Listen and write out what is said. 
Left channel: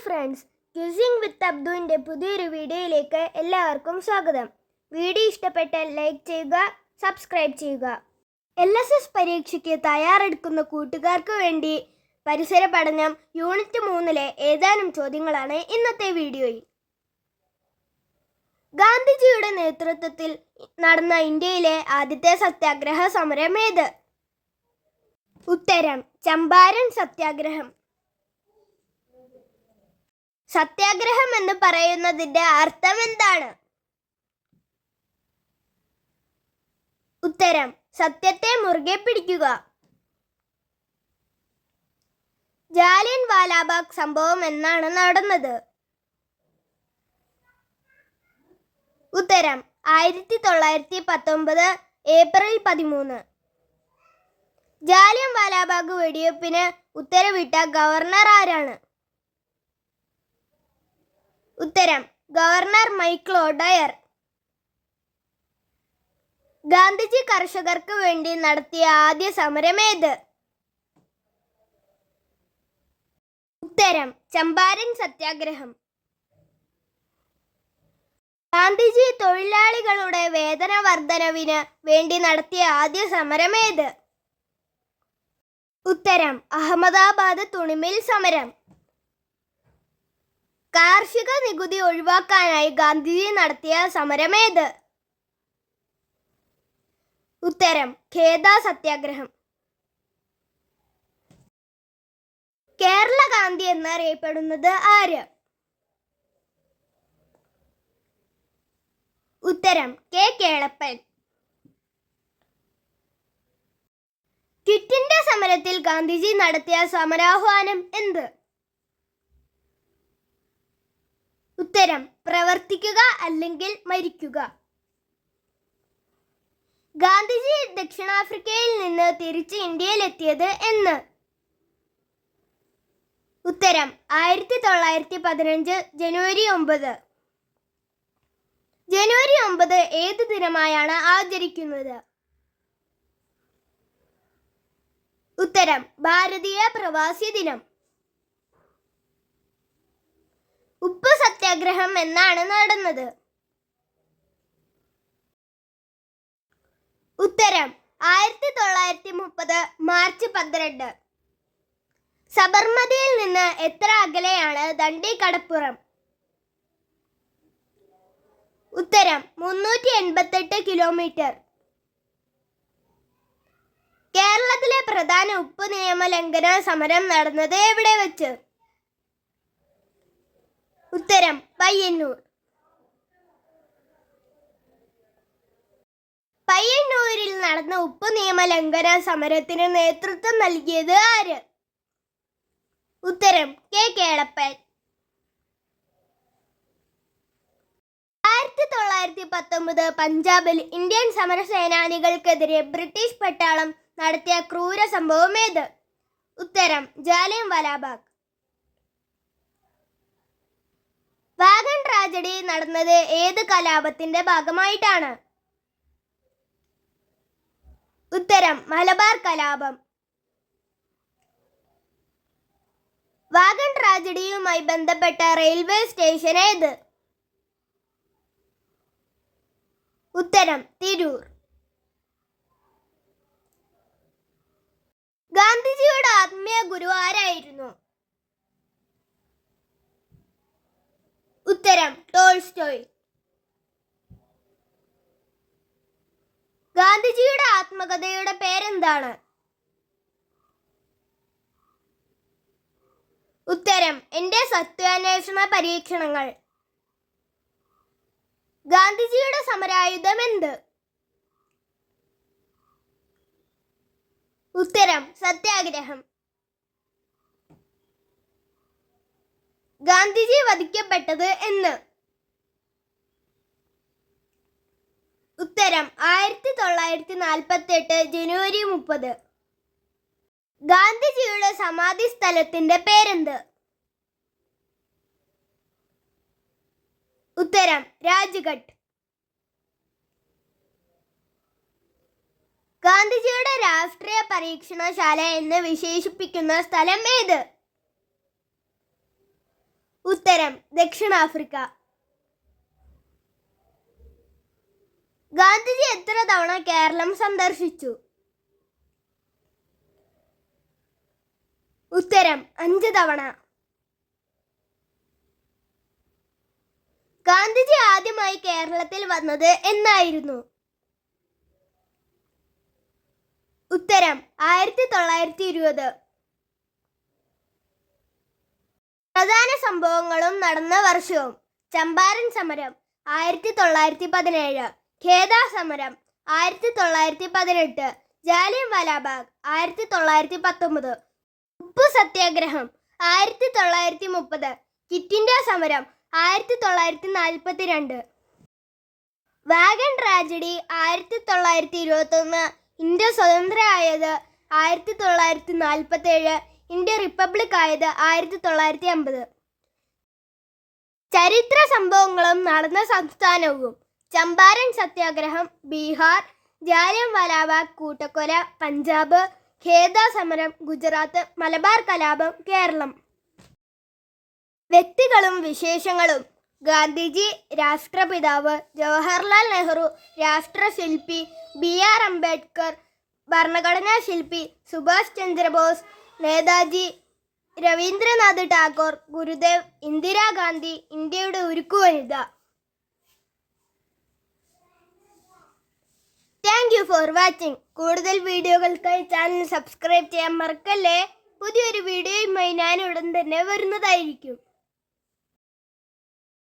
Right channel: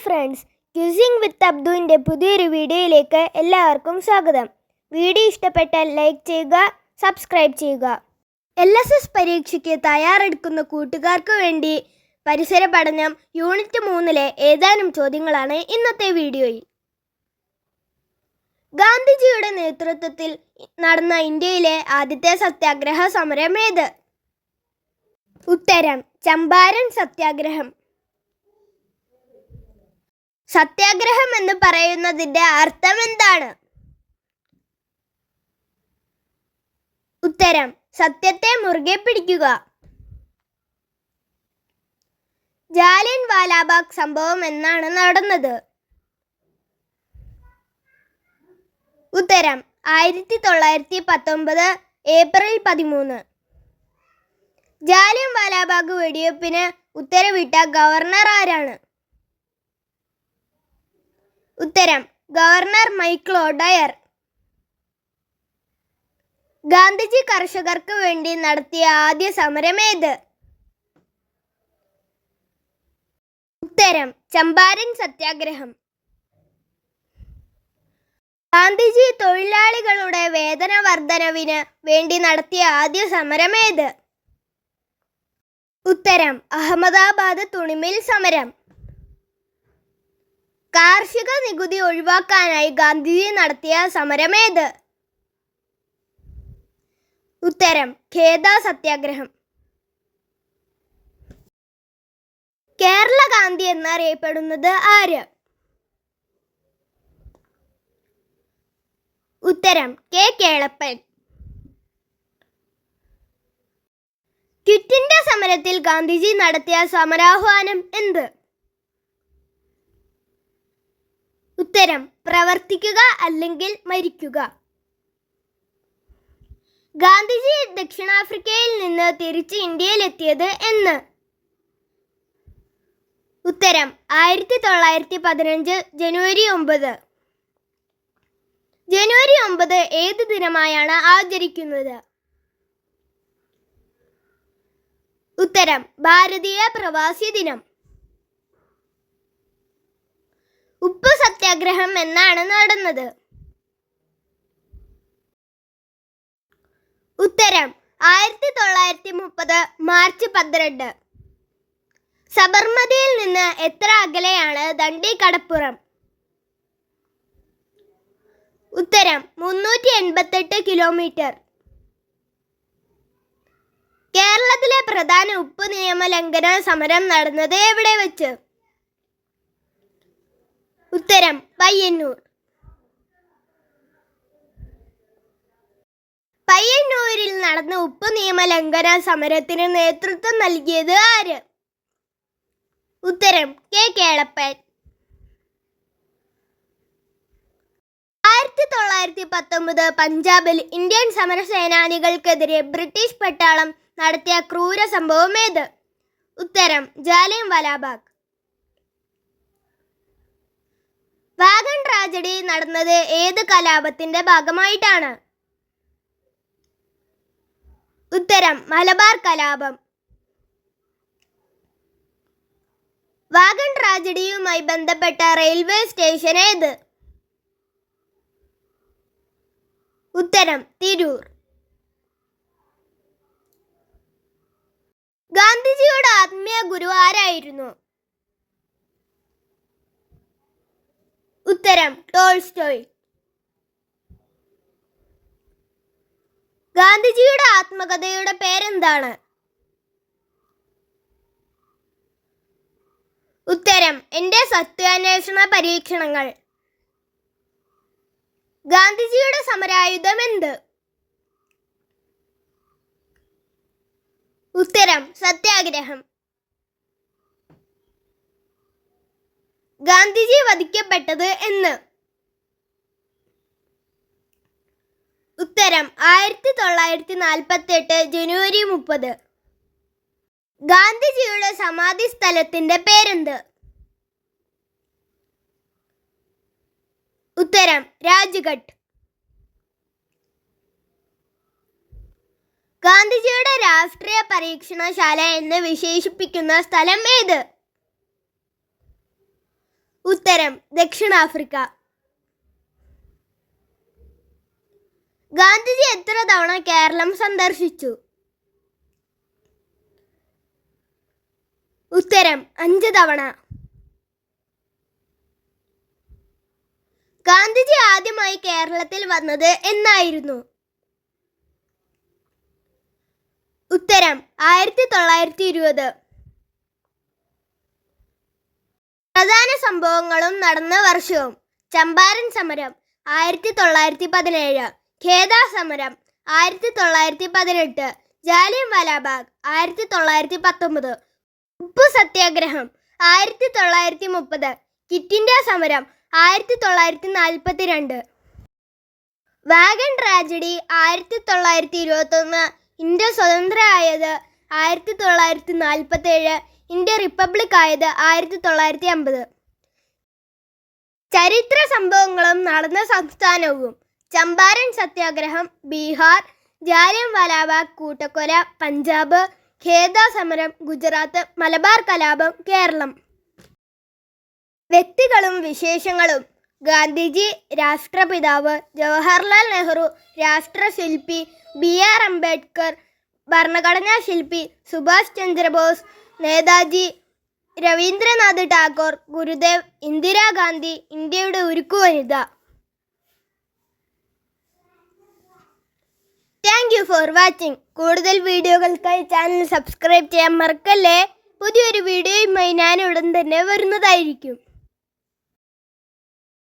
Hi friends, queueing വിത്ത് അബ്ദുവിൻ്റെ പുതിയൊരു വീഡിയോയിലേക്ക് എല്ലാവർക്കും സ്വാഗതം. വീഡിയോ ഇഷ്ടപ്പെട്ടാൽ ലൈക്ക് ചെയ്യുക, സബ്സ്ക്രൈബ് ചെയ്യുക. LSS പരീക്ഷയ്ക്ക് തയ്യാറെടുക്കുന്ന കൂട്ടുകാർക്ക് വേണ്ടി പരിസര പഠനം യൂണിറ്റ് 3-ലെ ഏതാനും ചോദ്യങ്ങളാണ് ഇന്നത്തെ വീഡിയോയിൽ. ഗാന്ധിജിയുടെ നേതൃത്വത്തിൽ നടന്ന ഇന്ത്യയിലെ ആദ്യത്തെ സത്യാഗ്രഹ സമരം ഏത്? ഉത്തരം ചമ്പാരൻ സത്യാഗ്രഹം. സത്യാഗ്രഹം എന്ന് പറയുന്നതിന്റെ അർത്ഥം എന്താണ്? ഉത്തരം സത്യത്തെ മുറുകെ പിടിക്കുക. ജാലിയൻ വാലാബാഗ് സംഭവം എന്നാണ് നടന്നത്? ഉത്തരം 1919 ഏപ്രിൽ 13. ജാലിയൻ വാലാബാഗ് വെടിവെപ്പിന് ഉത്തരവിട്ട ഗവർണർ ആരാണ്? ഉത്തരം ഗവർണർ മൈക്കിൾ ഒഡയർ. ഗാന്ധിജി കർഷകർക്ക് വേണ്ടി നടത്തിയ ആദ്യ സമരം ഏത്? ഉത്തരം ചമ്പാരൻ സത്യാഗ്രഹം. ഗാന്ധിജി തൊഴിലാളികളുടെ വേതന വർധനവിന് വേണ്ടി നടത്തിയ ആദ്യ സമരം ഏത്? ഉത്തരം അഹമ്മദാബാദ് തുണിമിൽ സമരം. കാർഷിക നികുതി ഒഴിവാക്കാനായി ഗാന്ധിജി നടത്തിയ സമരം ഏത്? ഉത്തരം ഖേദ സത്യാഗ്രഹം. കേരള ഗാന്ധി എന്നറിയപ്പെടുന്നത് ആര്? ഉത്തരം കെ കേളപ്പൻ. ക്വിറ്റ് ഇന്ത്യ സമരത്തിൽ ഗാന്ധിജി നടത്തിയ സമരാഹ്വാനം എന്ത്? ഉത്തരം പ്രവർത്തിക്കുക അല്ലെങ്കിൽ മരിക്കുക. ഗാന്ധിജി ദക്ഷിണാഫ്രിക്കയിൽ നിന്ന് തിരിച്ച് ഇന്ത്യയിലെത്തിയത് എന്ന്? ഉത്തരം 1915 ജനുവരി 9. ജനുവരി 9 ഏത് ദിനമായാണ് ആചരിക്കുന്നത്? ഉത്തരം ഭാരതീയ പ്രവാസി ദിനം. ഉപ്പ് സത്യാഗ്രഹം എന്നാണ് നടന്നത്? ഉത്തരം 1930 മാർച്ച് 12. സബർമതിയിൽ നിന്ന് എത്ര അകലെയാണ് ദണ്ഡി കടപ്പുറം? ഉത്തരം 388 കിലോമീറ്റർ. കേരളത്തിലെ പ്രധാന ഉപ്പ് നിയമ ലംഘന സമരം നടന്നത് എവിടെ വെച്ച്? ഉത്തരം പയ്യന്നൂർ. പയ്യന്നൂരിൽ നടന്ന ഉപ്പ് നിയമ ലംഘന സമരത്തിന് നേതൃത്വം നൽകിയത് ആര്? ഉത്തരം കെ കേളപ്പൻ. 1919 പഞ്ചാബിൽ ഇന്ത്യൻ സമരസേനാനികൾക്കെതിരെ ബ്രിട്ടീഷ് പട്ടാളം നടത്തിയ ക്രൂര സംഭവം ഏത്? ഉത്തരം ജാലിയൻ വാലാബാഗ്. വാഗൺ ട്രാജഡി നടന്നത് ഏത് കലാപത്തിന്റെ ഭാഗമായിട്ടാണ്? ഉത്തരം മലബാർ കലാപം. വാഗൺ ട്രാജഡിയുമായി ബന്ധപ്പെട്ട റെയിൽവേ സ്റ്റേഷൻ ഏത്? ഉത്തരം തിരൂർ. ഗാന്ധിജിയുടെ ആത്മീയ ഗുരു ആരായിരുന്നു? ഉത്തരം ടോൾസ്റ്റോയ്. ഗാന്ധിജിയുടെ ആത്മകഥയുടെ പേരെന്താണ്? ഉത്തരം എൻ്റെ സത്യാന്വേഷണ പരീക്ഷണങ്ങൾ. ഗാന്ധിജിയുടെ സമരായുധം എന്ത്? ഉത്തരം സത്യാഗ്രഹം. ഗാന്ധിജി വധിക്കപ്പെട്ടത് എന്ന്? ഉത്തരം 1948 ജനുവരി 30. ഗാന്ധിജിയുടെ സമാധി സ്ഥലത്തിന്റെ പേരെന്ത്? ഉത്തരം രാജ്ഘട്ട്. ഗാന്ധിജിയുടെ രാഷ്ട്രീയ പരീക്ഷണശാല എന്ന് വിശേഷിപ്പിക്കുന്ന സ്ഥലം ഏത്? ഉത്തരം ദക്ഷിണാഫ്രിക്ക. ഗാന്ധിജി എത്ര തവണ കേരളം സന്ദർശിച്ചു? ഉത്തരം 5 തവണ. ഗാന്ധിജി ആദ്യമായി കേരളത്തിൽ വന്നത് എന്നായിരുന്നു? ഉത്തരം 1920. പ്രധാന സംഭവങ്ങളും നടന്ന വർഷവും. ചമ്പാരൻ സമരം 1917, ഖേദ സമരം 1918, ജാലിയൻവാലാബാഗ് 1919, ഉപ്പു സത്യാഗ്രഹം 1930, ക്വിറ്റ് ഇന്ത്യ സമരം 1942, വാഗൺ ട്രാജഡി 1921, ഇന്ത്യ സ്വതന്ത്രമായത് 1947, ഇന്ത്യ റിപ്പബ്ലിക് ആയത് 1950. ചരിത്ര സംഭവങ്ങളും നടന്ന സംസ്ഥാനവും. ചമ്പാരൻ സത്യാഗ്രഹം ബീഹാർ, ജാലിയൻവാലാബാഗ് കൂട്ടക്കൊല പഞ്ചാബ്, ഖേദ സമരം ഗുജറാത്ത്, മലബാർ കലാപം കേരളം. വ്യക്തികളും വിശേഷങ്ങളും. ഗാന്ധിജി രാഷ്ട്രപിതാവ്, ജവഹർലാൽ നെഹ്റു രാഷ്ട്രശില്പി, BR അംബേദ്കർ ഭരണഘടനാ ശില്പി, സുഭാഷ് ചന്ദ്രബോസ്, നേതാജി, രവീന്ദ്രനാഥ് ടാഗോർ, ഗുരുദേവ്, ഇന്ദിരാഗാന്ധി ഇന്ത്യയുടെ ഉരുക്കുവനിത. Thank you for watching. കൂടുതൽ വീഡിയോകൾക്കായി ചാനൽ സബ്സ്ക്രൈബ് ചെയ്യാൻ മറക്കല്ലേ. പുതിയൊരു വീഡിയോയുമായി ഞാൻ ഉടൻ തന്നെ വരുന്നതായിരിക്കും.